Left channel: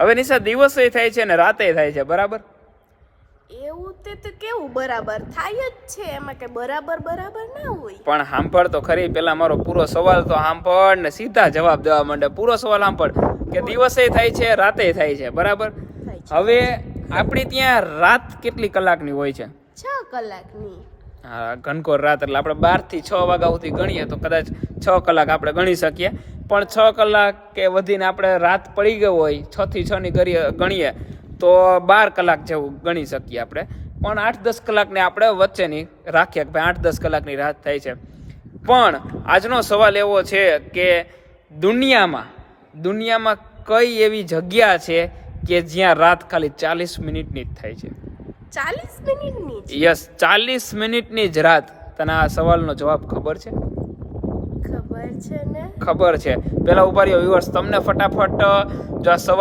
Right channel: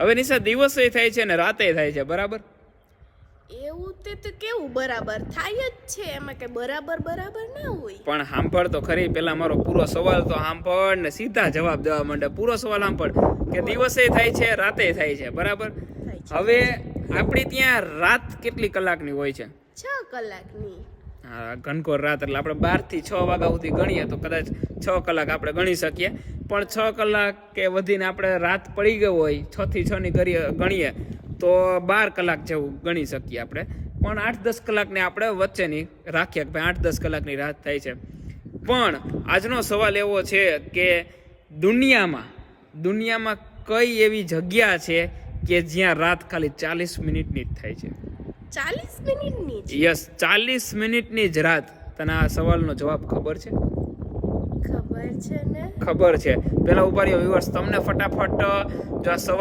હવે નિશા દિવસે થાય છે ને રાતે થાય છે, બરાબર? એવું તે તો કેવું બરાબર થાય જ છે, એમાં કે બરાબર ના હોય. પણ સાંભળ તો ખરી, પેલા મારો પૂરો સવાલ તો સાંભળ ને સીધા જવાબ દેવા માંડે. પૂરો સવાલ સાંભળ કે દિવસે થાય છે, રાતે થાય છે, બરાબર? હવે આપણી ત્યાં રાત કેટલી કલાકની હોય છે? 6 કલાકની. હા, ઘનઘોર રાત એટલે આપણે 12 થી 6 વાગ્યા સુધી ગણીએ તો કદાચ 6 કલાક આપણે ગણી શકીએ. પણ 6 કલાક કે વધીને આપણે રાત પડી ગયો હોય, 6 થી 6 ની ગણીએ તો 12 કલાક જેવું ગણી શકીએ આપણે. પણ 8-10 કલાકને આપણે વચ્ચેની રાખીએ કે ભાઈ 8-10 કલાકની રાત થાય છે. પણ આજનો સવાલ એવો છે કે દુનિયામાં કઈ એવી જગ્યા છે કે જ્યાં રાત ખાલી 40 મિનિટની જ થાય છે? 40 મિનિટની જ? યસ, 40 મિનિટની જ રાત. તને આ સવાલનો જવાબ ખબર છે? ખબર છે ને. ખબર છે. પેલા ઉભા રહ્યો વ્યુઅર્સ, તમને ફટાફટ જો આ સવાલ